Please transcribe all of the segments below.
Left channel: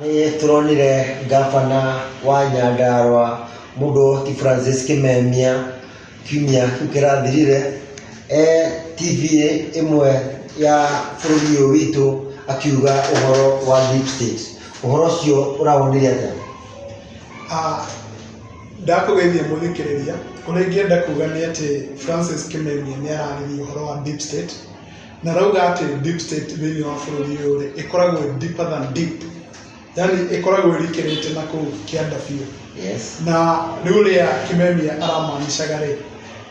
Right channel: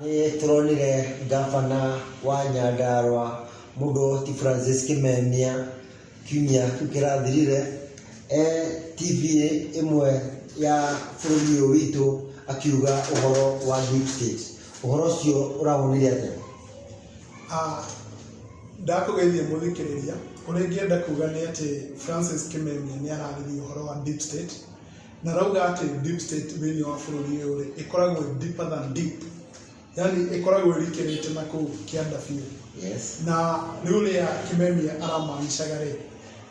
Nĩ tũronire gavana wa Nyandarua mũndũ ti Francis Kimemia kiumia kĩu kĩrathirire TV ĩmwe ya bũrũri ũyũ witũ akiuga ũhoro wa deep state. Ũhoro ũcio ũrawonire atĩa? Ndakũgeithia mũthikĩrĩria, ũrĩa ingĩenda kuuga nĩ atĩ Francis Kimemia nĩ ararĩrĩria ũhoro wa deep state, na rauga atĩ deep state thĩinĩ wa bũrũri ũyũ ĩkoragwo deeper than deep, yani ĩkoragwo ĩrikĩrĩte na kũu kĩanda biũ. Yes. Na nĩ ũrĩa Kimemia aramaanishaga rĩ,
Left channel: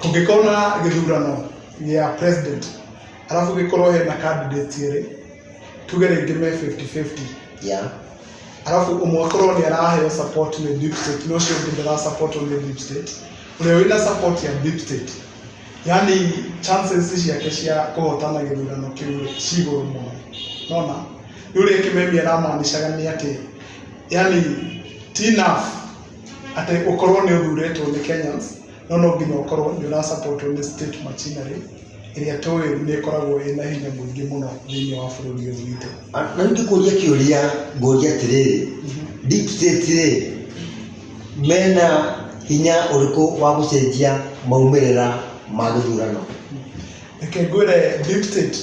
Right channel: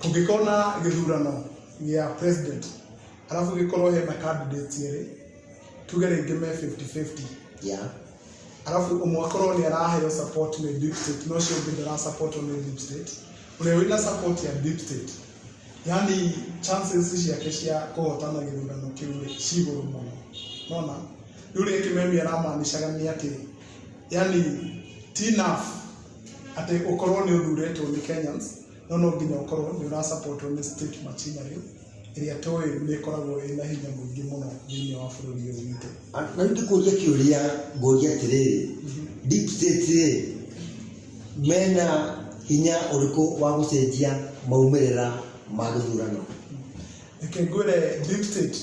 kũngĩkorwo na gĩthurano gĩa president arabu gĩkorwo hena candidate rĩ, tuge rĩngĩ me 50-50. Yeah. Arabu ũmwe akorwo nĩ araheo support nĩ deep state, no ũcio ũngĩ ndara-support nĩ deep state, ũrĩa wĩna support ya deep state, yani chances ciake cia kũhotana gĩthurano kĩu ci igũrũ mũno. Nona nĩ ũrĩa Kimemia aramaanishaga nĩ atĩ, yani ti enough atĩ ũkorwo nĩ ũthurĩtwo nĩ Kenyans, no nginya ũkorwo nĩ ũra-support nĩ state machinery ĩrĩa tũĩ nĩ ĩkoragwo ĩna hinya mũingĩ mũno thĩinĩ wa bũrũri ũyũ witũ. Na nĩngĩkũria kĩũria ngũria atĩrĩrĩ, deep state rĩ, mena hinya ũrĩkũ wa gũcenjia maumĩrĩra ma gĩthurano? Reke ngwĩre deep state,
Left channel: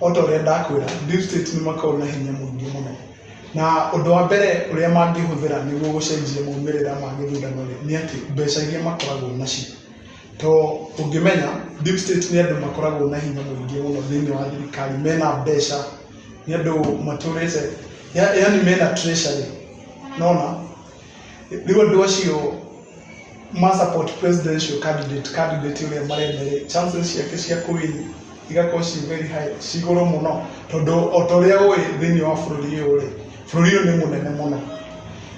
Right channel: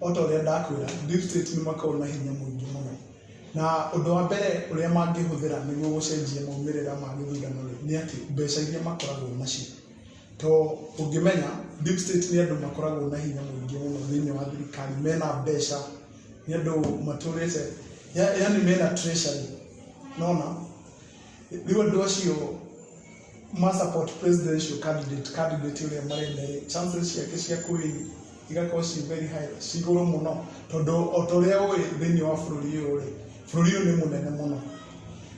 o ta ũrĩa ndakwĩra, deep state nĩ makoragwo na hinya mũingĩ mũno, na ũndũ wa mbere ũrĩa mangĩhũthĩra nĩguo gũcenjia maumĩrĩra ma gĩthurano nĩ atĩ mbeca iria makoragwo nacio. To ũngĩmenya deep state nĩ andũ makoragwo na hinya mũingĩ mũno thĩinĩ wa thirikari, mena mbeca, nĩ andũ matũrĩte, yani mena treasury. Nona rĩu andũ acio ma-support presidential candidate ũrĩa marenda, chances ciake cia kũwin igakorwo ci very high, ci igũrũ mũno, tondũ o ta ũrĩa ũĩ thĩinĩ wa bũrũri ũyũ rĩ, bũrũri ũyũ nĩ mũnene mũno.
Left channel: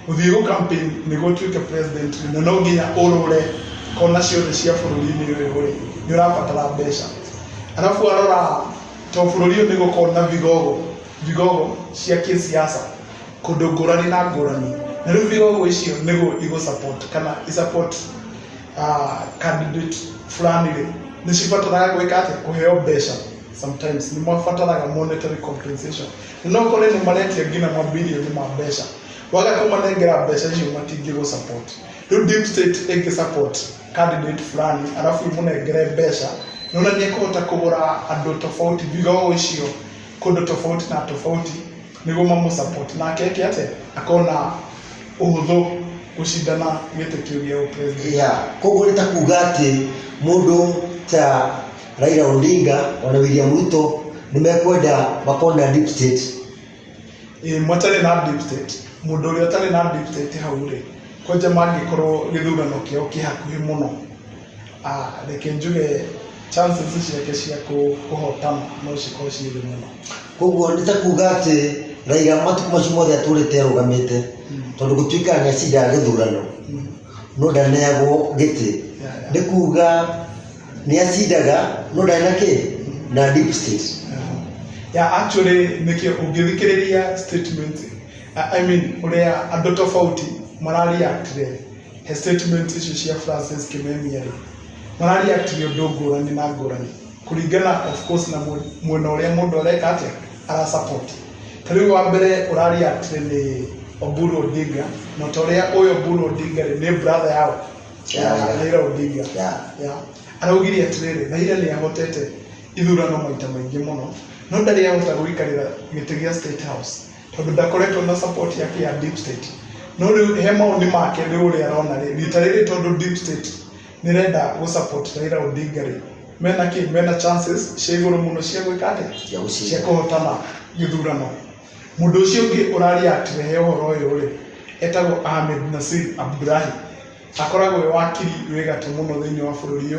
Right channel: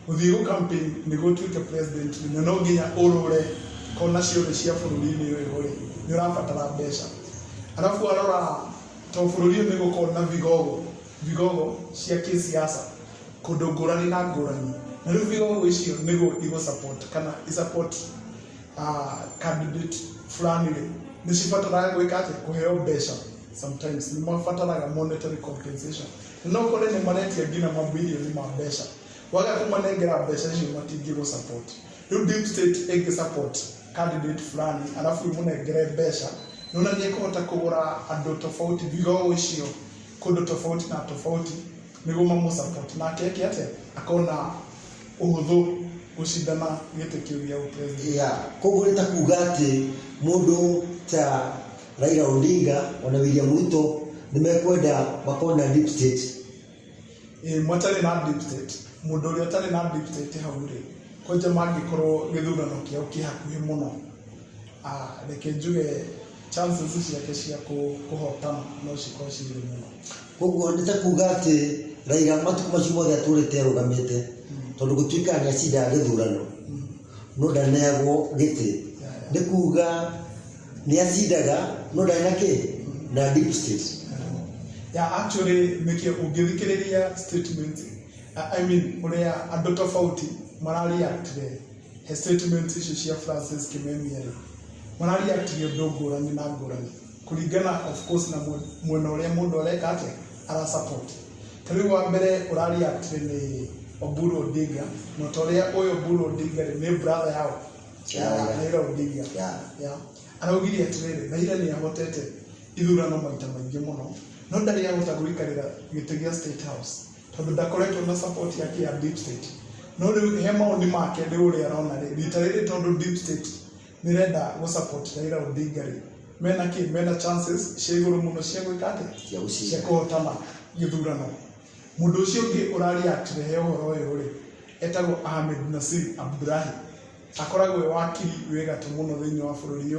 Gũthiĩ gũ-campaign nĩguo ũtuĩke president, na no nginya ũrũre kona ciothe cia bũrũri-inĩ ũyũ rĩ, nĩ ũrabatara mbeca. Arabu arora to bũrũri ũyũ nĩ gũkorwo na vigogo cia kĩsiasa kũndũ ngũrani na ngũrani, na rĩu vigogo icio nĩguo igũ-support kana i-support candidate fulani rĩ, nĩ cibataraga gwĩka atĩ kũheo mbeca. Sometimes nĩ mabataraga monetary compensation, na no kore nĩ maretia nginya mabilioni ma mbeca, waga kũmanengera mbeca icio matingĩgũ-support. Rĩu deep state ĩngĩ-support candidate fulani arabu imũnengere mbeca, nona nĩ ekũhota kũgũra andũ tofauti, vigogo icio kũndũ tofauti na tofauti nĩguo mamũ-support, nake eke atĩ akona ũhũthũ gũcindana gĩtĩ kĩu gĩa ũpresident. Yeah, koguo nĩ ta kuuga atĩ mũndũ ta Raila Odinga ona William Ruto nĩ mekwenda makorwo na deep state. Matarĩ na deep state, mũndũ ũrĩa ũtarĩ na deep state hau rĩ, kwanja mangĩkorwo gĩthurano kĩao kĩ hakuhĩ mũno, reke njuge chances ciake cia kũhotana no cikorwo ciĩ thĩ mũno. Koguo nĩ ta kuuga atĩ Raila matukũ macio mothe atũrĩte arũgamĩte, tondũ gũtuĩka nĩ acindaga gĩthurano no ndaneagwo gĩtĩ, nĩ kuuga nĩ acindaga no ndarĩ na kĩ na deep state. Actually nĩkĩo ũngĩthikĩrĩria statement, I mean ũrĩa andũ tofauti marariactire he statement icio cia Francis Kimemia rĩ, marariactire ũndũ ngũrani na ngũrani kũringana of course na mwena ũrĩa mũndũ areka atĩ ara-support. Ta rĩu wa mbere ũrariactire nĩ Oburu Odinga, na ta ũrĩa ũyũ Oburu Odinga rĩ nĩ brother yao Raila Odinga. Araugire atĩrĩrĩ, Raila nĩ ahotete ithurano maita maingĩ mũno, no ndarĩ ahota gũikarĩra gĩtĩ gĩa State House tondũ ndakoretwo na support yake ya deep state. No rĩu he maũndũ make rĩu ũrĩa arona rĩ, rita rĩrĩ tondũ deep state nĩ renda gũ-support Raila Odinga rĩ, mena chances cia igũrũ mũno cia gwĩka atĩ cia kũhotana gĩthurano. Mũndũ ũcio ũngĩ ũrariactire he ũhoro ũyũ rĩ, etagwo Ahmed Nasir Abdullahi, akoragwo e wakiri wĩ gatũ mũno thĩinĩ wa bũrũri ũyũ.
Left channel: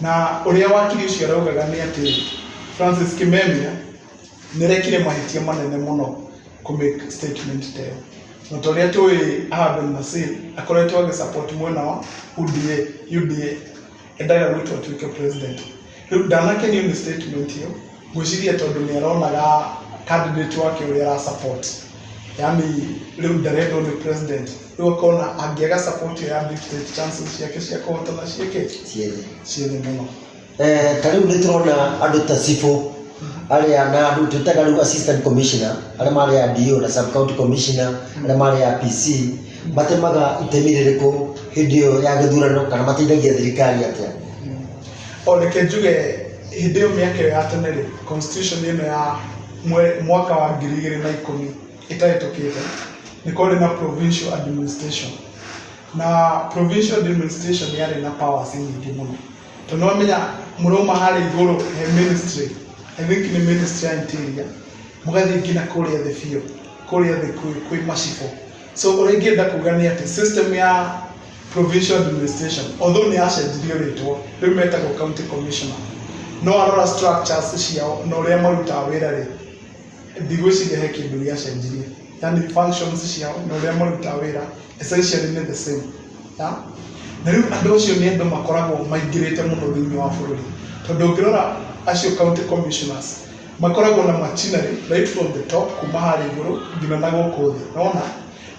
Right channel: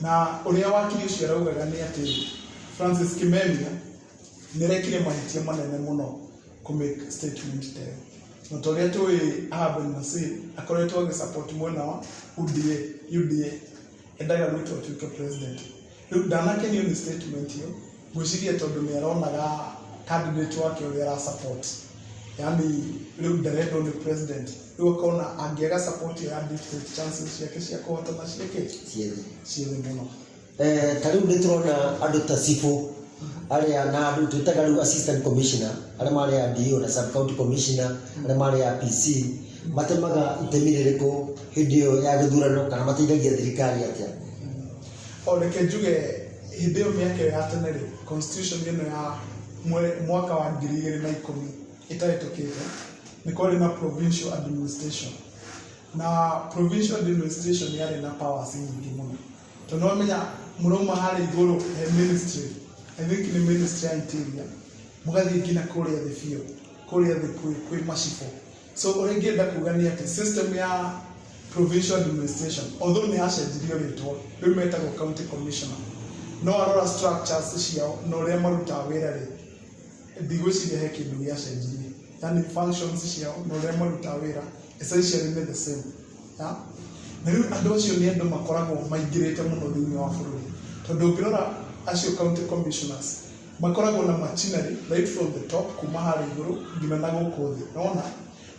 Na ũrĩa wakiri ũcio araugaga nĩ atĩ Francis Kimemia nĩ rekire mahĩtia manene mũno kũ-make statement ta ĩyo. Na ta ũrĩa tũĩ Ahmed Nasir akoretwo agĩ-support mwena wa UDA, endaga Ruto atuĩke president. Rĩu ndanakenio nĩ statement ĩyo, ngwĩciria tondũ nĩ aronaga candidate wake ũrĩa ara-support, yani rĩu ndarendwo nĩ president, rĩu akona angĩaga support ya deep state chances ciake cia kũhotana ciĩ thĩ mũno. Ta rĩu nĩ tũrona andũ ta Cibũ arĩa na andũ twĩtaga rĩu assistant commissioner arĩa marĩ ya DO na sub county commissioner arĩa marĩ ya PC matemaga itemi rĩrĩkũ hĩndĩ ĩyo ya gĩthurano kana mateithagia thirikari atĩa? Reke njuge hĩndĩ ĩyo mĩaka ĩyo ya tene rĩ, constitution ĩno ya mwaka wa 2010 ĩtahĩtũkĩte nĩ kwarĩ na provincial administration, na provincial administration yarĩ na powers nyingĩ mũno. Tondũ wamenya mũrauma harĩa igũrũ he ministry, I think nĩ ministry ya interior, mũgathiĩ nginya kũrĩa thĩ biũ, kũrĩa thĩ kwĩ macibũ. So ũrĩa ingĩenda kuga nĩ atĩ system ya provincial administration, although nĩ yacenjirio rĩtwa, rĩu metagwo county commissioner, no arora structures ciao na ũrĩa marutaga wĩra rĩ, ndigwĩciria he kĩndũ gĩacenjirie. Yani functions ciao na ũrĩa marutaga wĩra essentially nĩ the same. Na rĩu andũ acio nĩ andũ makoragwo maingĩrĩte mũno thĩinĩ wa bũrũri, tondũ ũngĩrora acio county commissioners makoragwo na machinery right from the top kuma harĩa igũrũ nginya na gũkũ thĩ. Naona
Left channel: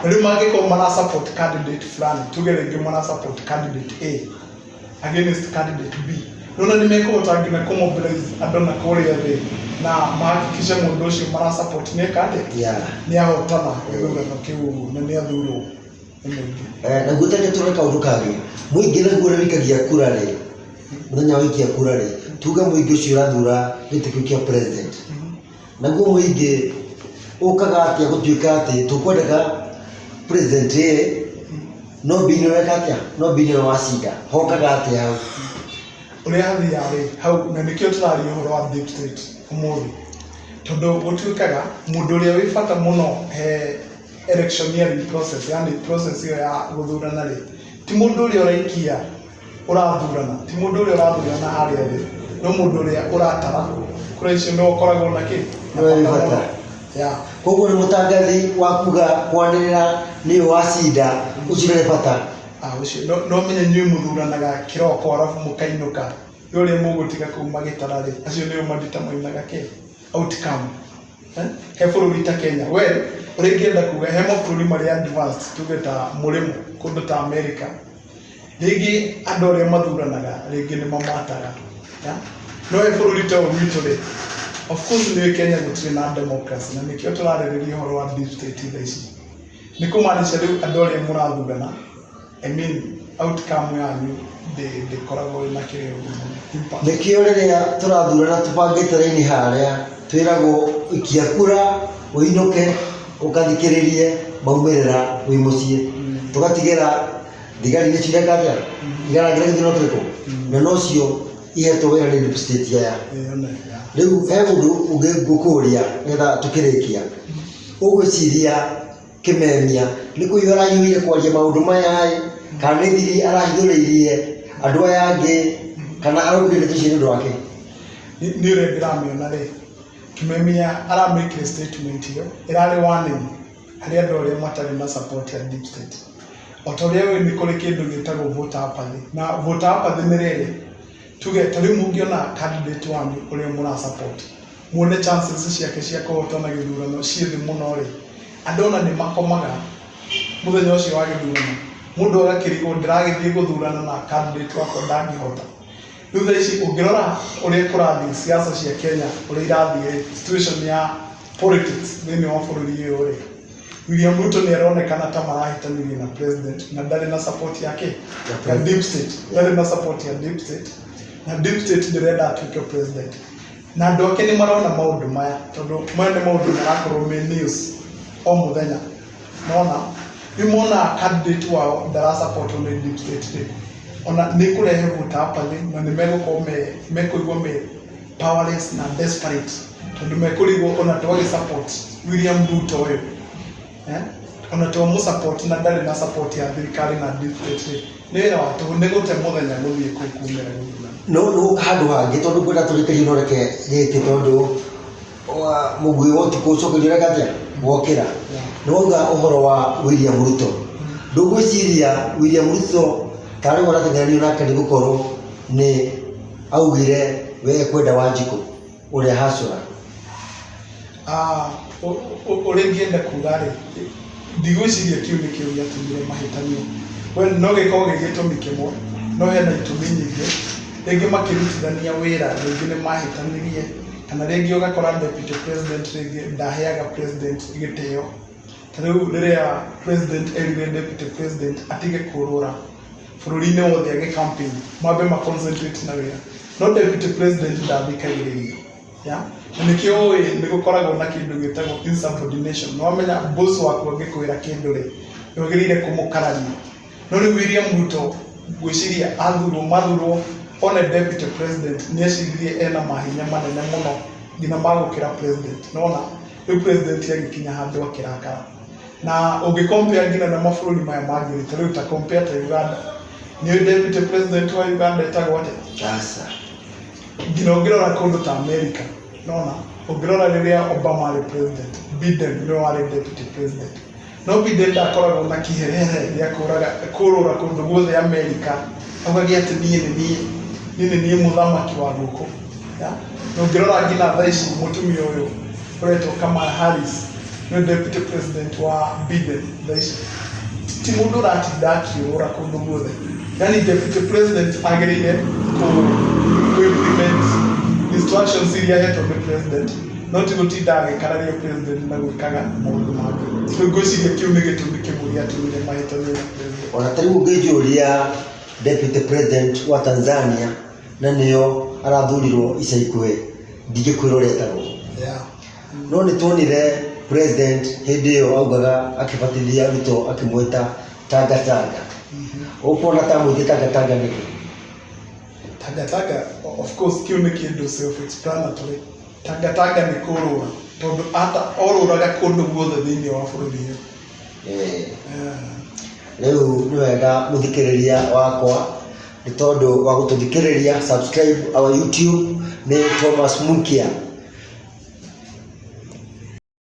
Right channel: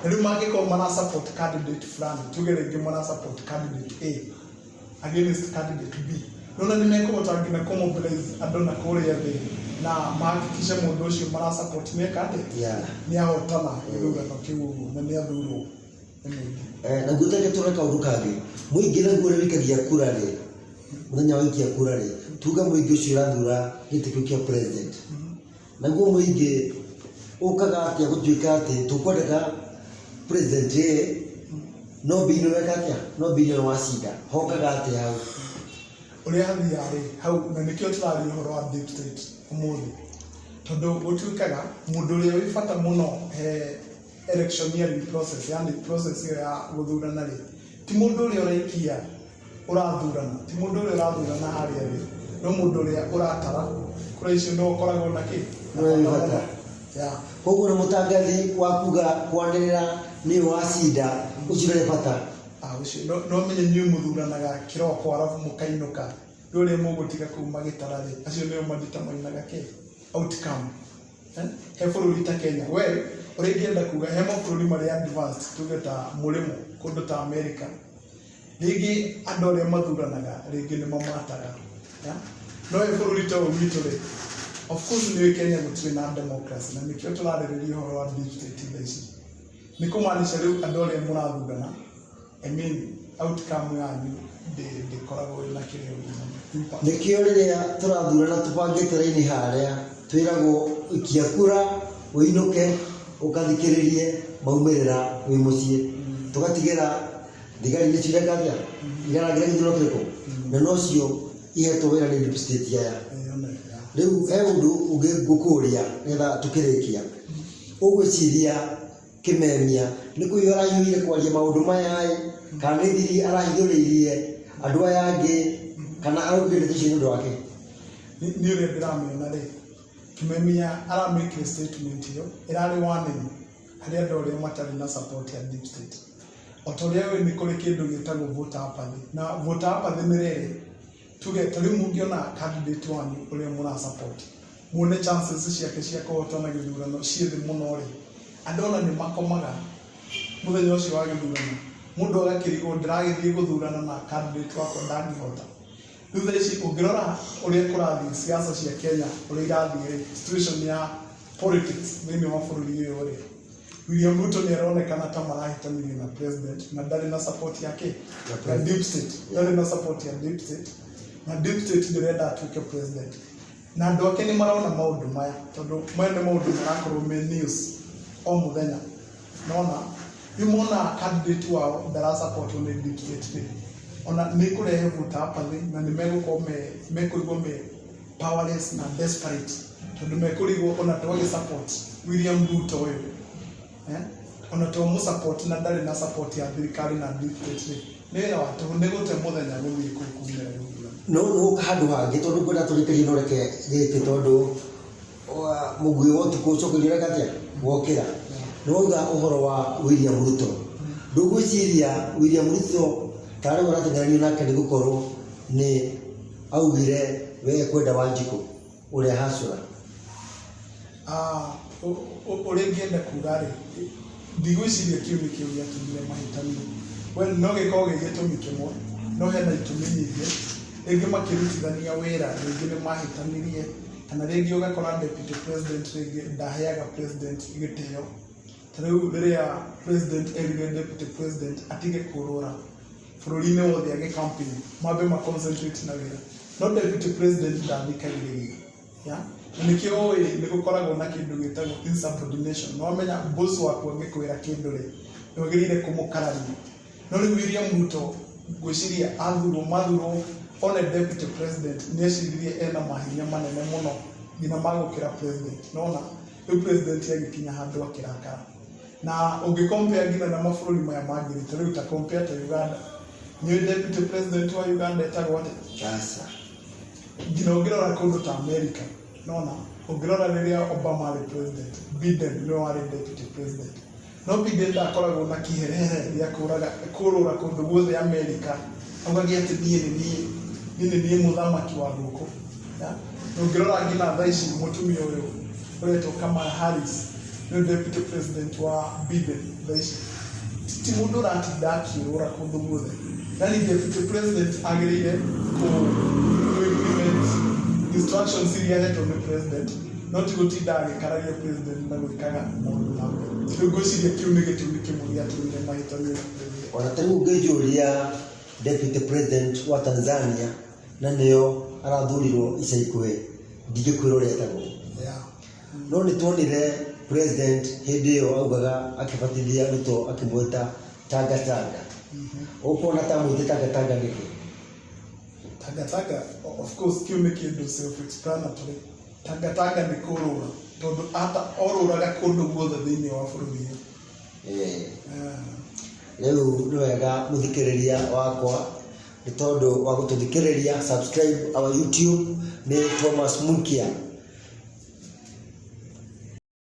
na rĩu mangĩkorwo mara support candidate fulani, tuge rĩngĩ mara support candidate A against candidate B, nona nĩ mekũhota nginya kũmobilize andũ na kũrĩa thĩ na mahakikishe mũndũ ũcio mara support nĩ nĩ ahotana gĩthurano kĩu na nĩ athurwo nĩ mũingĩ. Na gũtarĩ tũrĩ kaũndũ kangĩ mũingĩ naguo ũrĩkagia kura rĩ, mũthenya wa gũikia kura rĩ, tuge mũingĩ ũcio ũrathura gĩtĩ kĩu kĩa president, naguo mũingĩ ũkaga atĩa gũtuĩka atĩ tũkwendaga president no bini weka atĩa, no bini wacinda hokaga atĩa hau? Ũrĩa hathiaga hau, na nĩkĩo tũraria ũhoro wa deep state ũmũthĩ, tondũ gũtuĩkaga mũndũ ũrĩa wĩ bata mũno he electioneering process, yani process ĩyo ya gũthurana rĩ, ti mũndũ ũrĩa ũraikia ũrathurana, ti mũndũ ũrĩa ũrathurana harĩa thĩ, no mũndũ ũrĩa ũratara kura icio nĩ ũkoragwo na kĩ? Koguo nĩ mũtangathi wa kuga kwanĩrĩra nĩ wacinda ũcio nĩ bata. Ũcio no menye nyuĩ mũthuranaga kĩroko arabu mũkainũka, ũrĩa mũgũtiga kũu magĩtara rĩ, acio nĩo madeterminaga kĩ? Outcome. He bũrũri ta Kenya, we ũrĩa ingĩenda kuga he mabũrũri marĩa advanced, tuge ta mũrĩmo kũndũ ta America, rĩngĩ andũ arĩa mathuranaga rĩngĩ nĩ mamataga. No he bũrũri ta ũyũ witũ rĩ, of course nĩ Kenya gũtirĩ na democracy, na nĩkĩo tũrarĩrĩria ũhoro wa deep state tha ici. Nĩ kũmaanisha rĩu andũ arĩa mũrathurana, I mean outcome yanyu ndĩkoragwo na kĩrĩa. Nĩkĩo rĩrĩa tũrathurana tũbangĩte raini harĩa twĩragwo ikia kura ũinũke ũkathikĩrĩrie maumĩrĩra wĩ mũciĩ, tũgatigĩra thigari nĩ cireka atĩa igaragĩra gĩthurano kĩrĩkũ, na nocio ihetwo wĩra nĩ deep state aya. Rĩu he ũndũ ũngĩ ngũkũria nĩgetha tũkĩrĩkia, ũgwĩciria Kĩmemia nĩ kũhiũha arahiũhire kwaria maũndũ maya kana nĩ thiri arahithũrĩirie andũ aya angĩ kana araugire ndeto icio nĩ ũndũ wake? Nĩ ũrĩa ndĩramĩona rĩ, Kĩmemia aramake statement ĩyo ĩrarĩ warning harĩ andũ arĩa matarĩ na support ya deep state. O ta ũrĩa nĩ kũrĩ kĩndũ gĩtagwo voter apathy, na voter apathy nĩ rĩrĩ, tuge ta rĩu mũngĩona candidate wanyu ũrĩa mũra support, muone chances ciake cia kũhotana gĩthurano ciĩ thĩ mũno rĩ, andũ ona nĩ makomaga mũthenya ũcio wa gĩthurano, mũndũ agakĩrigwo ndĩragĩthiĩ gũthurana na candidate wakwa ndangĩhota. Rĩu thaa ici ũngĩrora ũrĩa kũrathiĩ siasa cia Kenya, ũrĩa irathiĩ situation ya politics thĩinĩ wa bũrũri ũyũ rĩ, William Ruto nĩ aronekana ta marahĩtanĩria na president na ndarĩ na support yake ya deep state, ndarĩ na support ya deep state, na deep state ndĩrenda atuĩke president. Na andũ ake nĩ marona maũndũ maya, tondũ maya nĩ maũndũ marakorwo me news o mũthenya. Nona nĩ mona candidate wao ndara support on deep state rĩ, ona nĩ kũrehe voter apathy, na nĩ megũkorwo mekũigua me powerless na desperate, tondũ mekũrigwo ona twagĩ support William Ruto ũyũ, ona twa support na ndarĩ na support ya thirikari na deep state rĩ, nĩ wĩra wa tũhũ nĩ gũte mũthenya gũthiĩ kũu kumĩra gũthurana. No handũ hangĩ tondũ ngwenda tũrĩkĩrie no reke gĩkĩ tondũ mũgwĩ wa ũtukũ ũcokerio reka atĩa wokĩra. Nĩ wauga ũhoro wa William Ruto, ndũgwĩciria William Ruto tarĩ ũrateng'eranio nake nĩ gũkorwo nĩ augire we kwenda Wanjikũ ũrĩa hacũra? Ũrĩa ingĩenda kuga rĩ, ndigwĩciria kĩu nĩ kĩo gĩatũmire mahĩtanio. No gĩkorwo gĩ gĩtũmi kĩmwe, no hena itũmi nyingĩ, rĩngĩ makĩrutithania wĩra, rĩngĩ nĩ mahĩtanirie, kana rĩngĩ ũgakora deputy president rĩngĩ ndaheaga president gĩtĩo. Ta rĩu rĩrĩa president erire deputy president atige kũrũra bũrũri-inĩ wothe agĩ-campaign, mambe ma-concentrate na wĩra, no deputy president ndathikagĩrĩria. Na nĩkĩo ũĩ nĩgũkoragwo na kĩndũ gĩtagwo insubordination. Nĩ wamenya boss waku angĩkwĩra kĩndũ rĩ, nĩwagĩrĩire kũmũkarania. No rĩu William Ruto gwĩciria mathurwo one deputy president nĩeciririe ena mahinya manene mũno nginya magũkĩra president. Nona rĩu president agĩkinya handũ akĩrakara. Na ũngĩ-compare nginya na mabũrũri maya mangĩ, ta rĩu ta compare ta Uganda, nĩũĩ deputy president wa Uganda etagwo atĩa? Asa. Nginya ũngĩrora kũndũ ta America, nona ũngĩrora rĩrĩa Obama arĩ president, Biden nĩwe warĩ deputy president. No Biden ndakoragwo na kĩherehere gĩa kũrũra kũndũ guothe America, augaga atĩ niĩ nĩ niĩ mũthamaki wa gũkũ. Na ũngĩrora nginya thaa ici mũtumia ũyũ ũretwo Kamala Harris nĩ deputy president wa Biden thaa ici. Ti mũndũ ũratinda akĩũrũra kũndũ guothe. Yani deputy president agĩrĩire implement instructions iria ahetwo nĩ president, no ti gũtinda agĩkararia president na gwĩkaga maũndũ mangĩ. Rĩu ngwĩciria kĩu nĩ gĩtũmi kĩmwe gĩatũmire mahĩtanie na president. Ona ta rĩu ũngĩnjũria deputy president wa Tanzania na nĩyo arathurirwo ica ikuhĩ, ndingĩkwĩra ũrĩa etagwo. No nĩtuonire president hĩndĩ ĩyo augaga akĩbatithia Ruto akĩmwĩta Tanga Tanga. Ũkuona ta mwĩtĩ Tanga Tanga nĩkĩ? Tanga Tanga, of course, kĩu nĩ kĩndũ self-explanatory. Tanga Tanga nĩ kũrũra, tondũ ata orũraga kũndũ guothe thĩinĩ wa bũrũri ũyũ. Rĩu nĩ wega mũthikĩrĩria wakwa, nĩ tondũ wa gũtũthikĩrĩria, subscribe our YouTube, nĩ Thomas Munkia.